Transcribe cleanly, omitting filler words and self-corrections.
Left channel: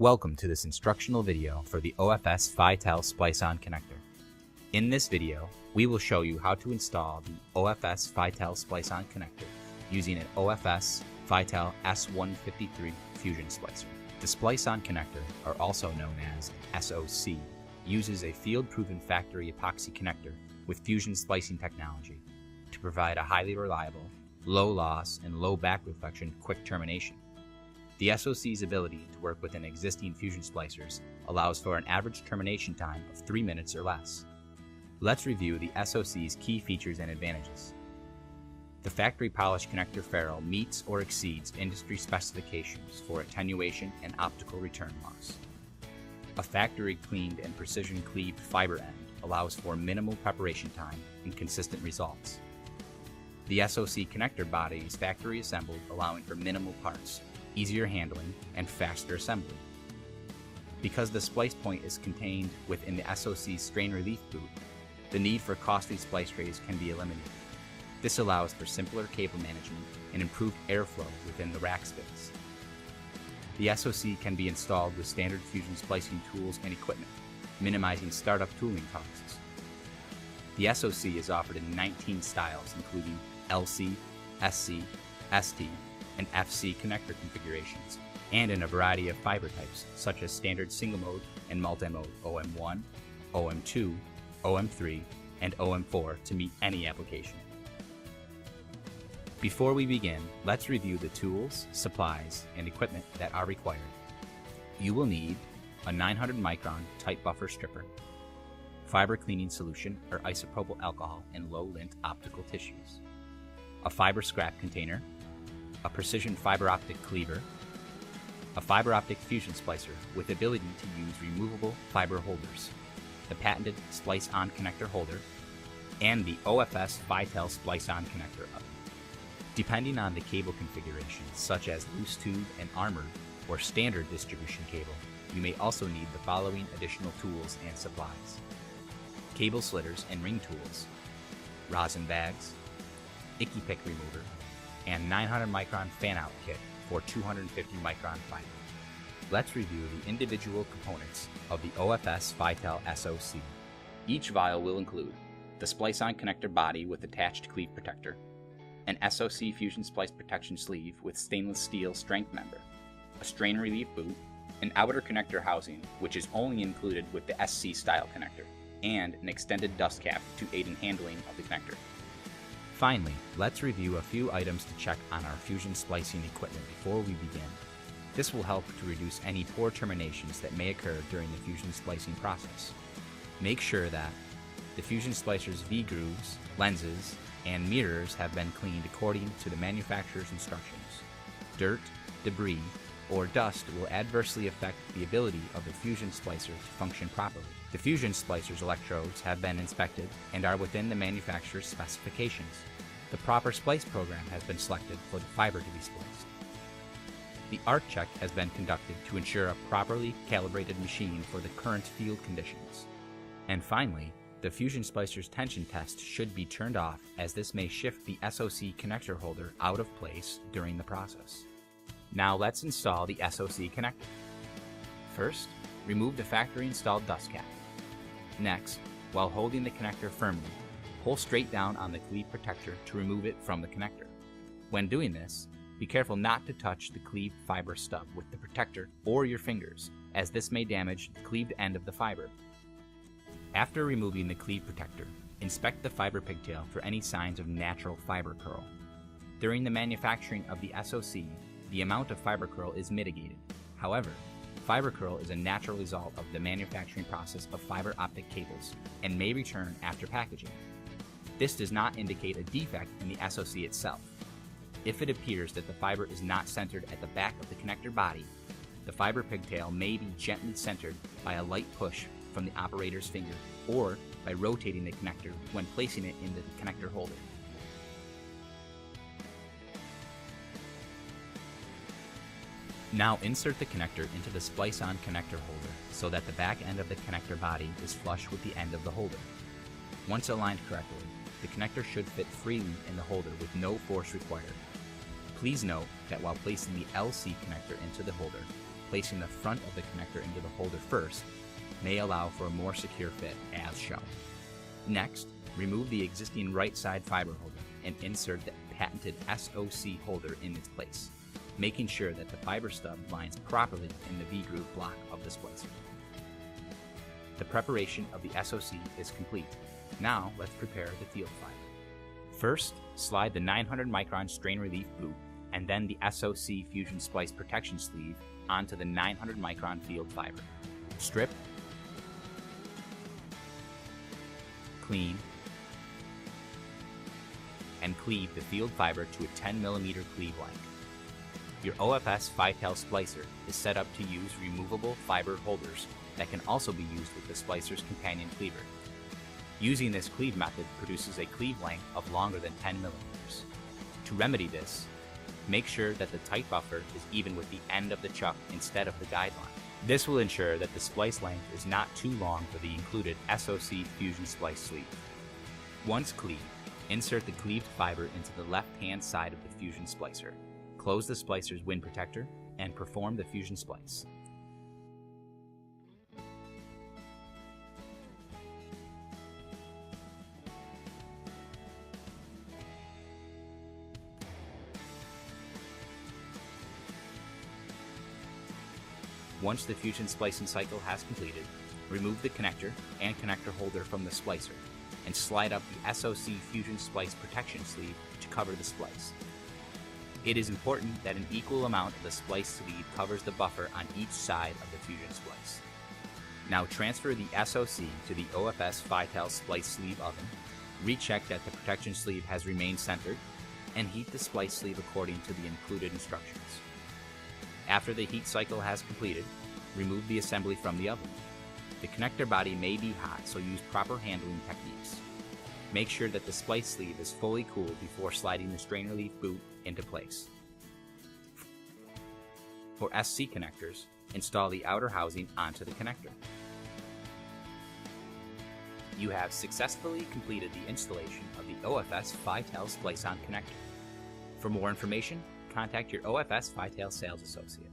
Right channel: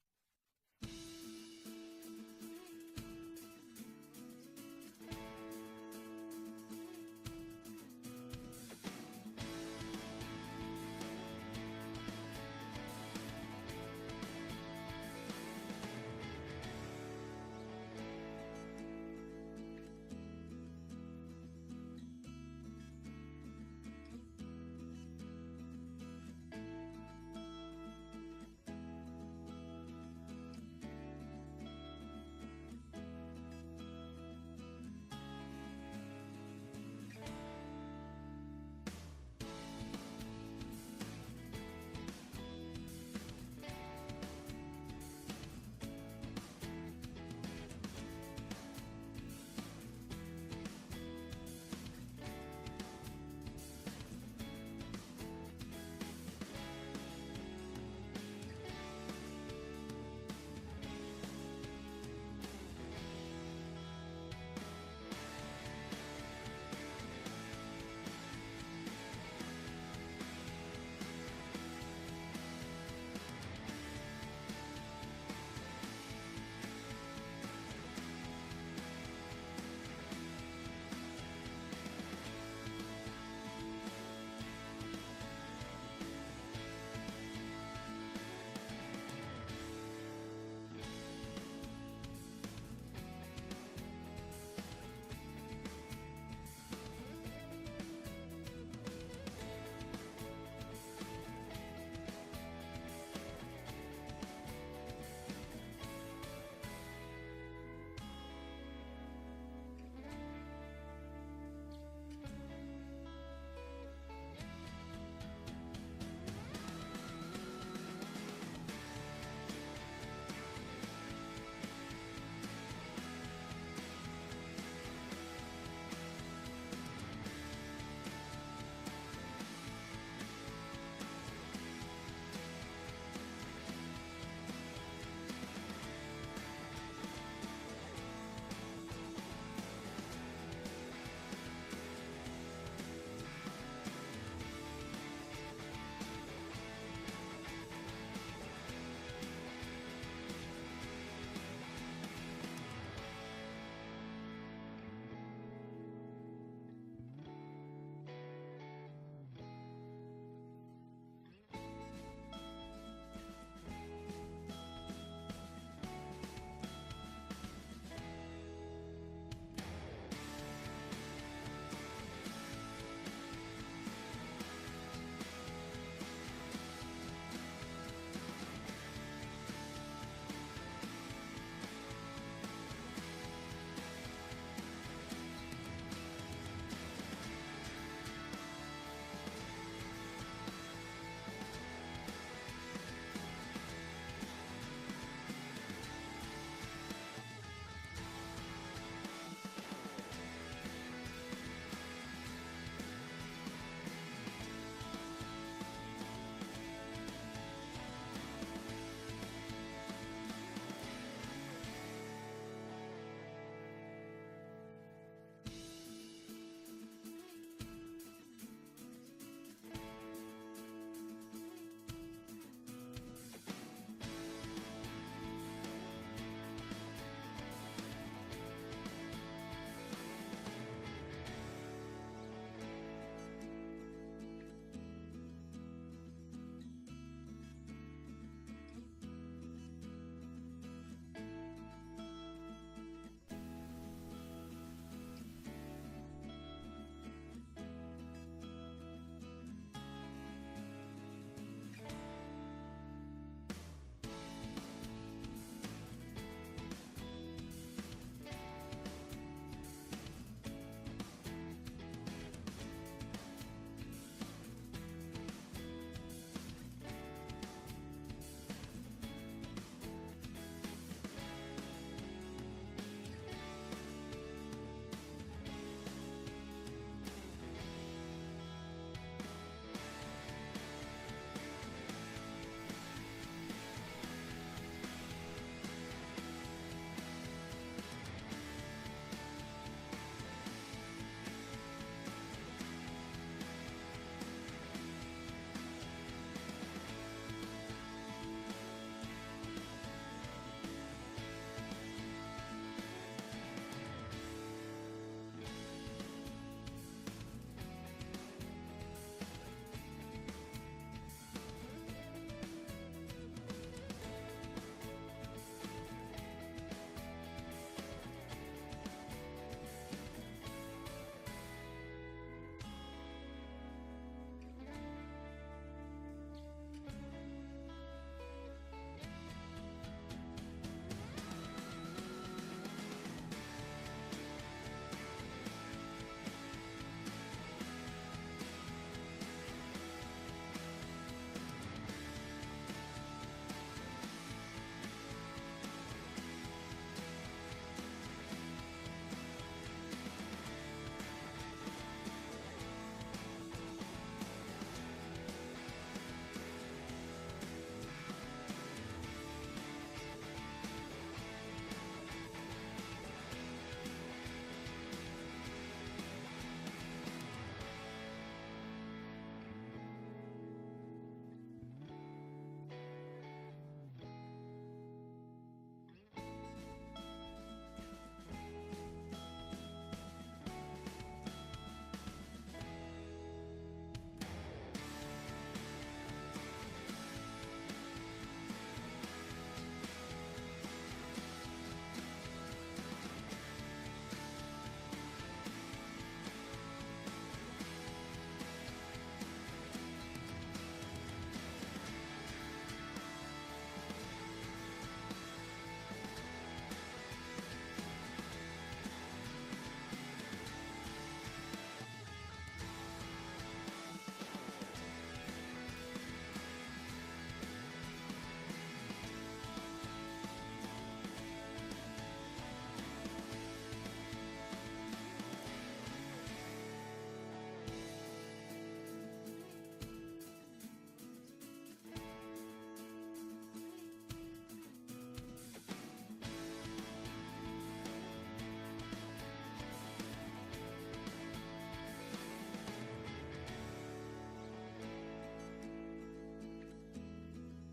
Welcome to this instructional video for the OFS FiTel Splice-On connector. In this video, we will show you how to install the OFS FiTel Splice-On connector using an OFS FiTel S153 Fusion Splicer. The Splice-On connector, or also known as SOC, uses a field-proven factory epoxy connector with fusion splicing technology to provide a highly reliable, low loss, and low back reflection quick termination. The SOC's ability to work within existing fusion splicers allows for an average termination time of 3 minutes or less. Let's review the SOC's key features and advantages. The factory polished connector ferrule meets or exceeds industry specifications for attenuation and optical return loss. A factory cleaned and precision cleaved fiber end allows for minimal preparation time and consistent results. The SOC connector body is factory assembled, allowing for minimal parts, easier handling, and faster assembly. Because the splice point is contained within the SOC's strain relief boot, the need for costly splice trays can be eliminated. This allows for simpler cable management and improved airflow within the rack space. The SOC can be installed with standard fusion splicing tools and equipment, minimizing startup tooling costs. The SOC is offered in 19 styles, including LC, SC, ST, and FC connector configurations, and in a variety of fiber types such as standard single mode and multi-mode OM1, OM2, OM3, and OM4 to meet any application. Before we begin, let's review the tools, supplies, and equipment that are required. You will need a 900 micron tight buffer stripper, fiber cleaning solution or isopropyl alcohol and low lint optical tissues, a fiber scrap container, a precision fiber optic cleaver, a fiber optic fusion splicer with the ability to use removable fiber holders, the patented Splice-On connector holder, and the OFS FiTel Splice-On connector oven. Depending on the cable configurations, such as loose tube and armored or standard distribution cable, you may also need the following additional tools and supplies: cable slitters and ring tools, rosin bags, icky pick remover, and 900 micron fan-out kit for 250 micron fiber. Let's review the individual components of the OFS FiTel SOC. Each vial will include the Splice-On connector body with attached cleave protector, an SOC fusion splice protection sleeve with stainless steel strength member, a strain relief boot, an outer connector housing, which is only included with the SC style connector, and an extended dust cap to aid in handling of the connector. Finally, let's review a few items to check on our fusion splicing equipment before we begin. This will help to reduce any poor terminations that may occur during the fusion splicing process. Make sure that the fusion splicer's V-grooves, lenses, and mirrors have been cleaned according to the manufacturer's instructions. Dirt, debris, or dust will adversely affect the ability of the fusion splicer to function properly. The fusion splicer's electrodes have been inspected and are within the manufacturer's specifications. The proper splice program has been selected for the fiber to be spliced. The arc check has been conducted to ensure a properly calibrated machine for the current field conditions. And finally, the fusion splicer's tension test should be turned off, as this may shift the SOC connector holder out of place during the process. Now let's install the SOC connector. First, remove the factory installed dust cap. Next, while holding the connector firmly, pull straight down on the cleave protector to remove it from the connector. When doing this, be careful not to touch the cleaved fiber stub with the protector or your fingers, as this may damage the cleaved end of the fiber. After removing the cleave protector, inspect the fiber pigtail for any signs of natural fiber curl. During the manufacturing of the SOC, the amount of fiber curl is mitigated. However, fiber curl is a natural result of the manufacturing process of fiber optic cables and may return after packaging. This does not indicate a defect in the SOC itself. If it appears that the fiber is not centered at the back of the connector body, the fiber pigtail may be gently centered by a light push from the operator's finger or by rotating the connector when placing it into the connector holder. Now insert the connector into the Splice-On connector holder so that the back end of the connector body is flush with the end of the holder. Once aligned correctly, the connector should fit freely in the holder with no force required. Please note that while placing the LC connector into the holder, placing the front of the connector into the holder first may allow for a more secure fit as shown. Next, remove the existing right side fiber holder and insert the patented SOC holder in its place, making sure that the fiber stub lines properly in the V-groove block of the splicer. The preparation of the SOC is complete. Now let's prepare the field fiber. First, slide the 900 micron strain relief boot and then the SOC Fusion Splice protection sleeve onto the 900 micron field fiber. Strip, clean, and cleave the field fiber to a 10mm cleave length. Your OFS 5-tail splicer is set up to use removable fiber holders that can also be used with the splicer's companion cleaver. Using this cleave method produces a cleave length of longer than 10mm. To remedy this, make sure that the tight buffer is even with the end of the chuck instead of the guide line. This will ensure that the splice length is not too long for the included SOC Fusion Splice sleeve. Once cleaved, insert the cleaved fiber into the left-hand side of the Fusion Splicer. Close the splicer's wind protector and perform the Fusion Splice. Once the Fusion splicing cycle has completed, remove the connector and connector holder from the splicer and slide up the SOC Fusion Splice protection sleeve to cover the splice. It is important that an equal amount of the splice sleeve covers the buffer on each side of the Fusion Splice. Now transfer the SOC to the OFS 5-tail splice sleeve oven, recheck that the protection sleeve has remained centered, and heat the splice sleeve according to the included instructions. After the heat cycle has completed, remove the assembly from the oven. The connector body may be hot, so use proper handling techniques. Make sure that the splice sleeve is fully cooled before sliding the strain relief boot into place. For SC connectors, install the outer housing onto the connector. You have successfully completed the installation of the OFS 5-tail splice-on connector. For more information, contact your OFS 5-tail sales associate.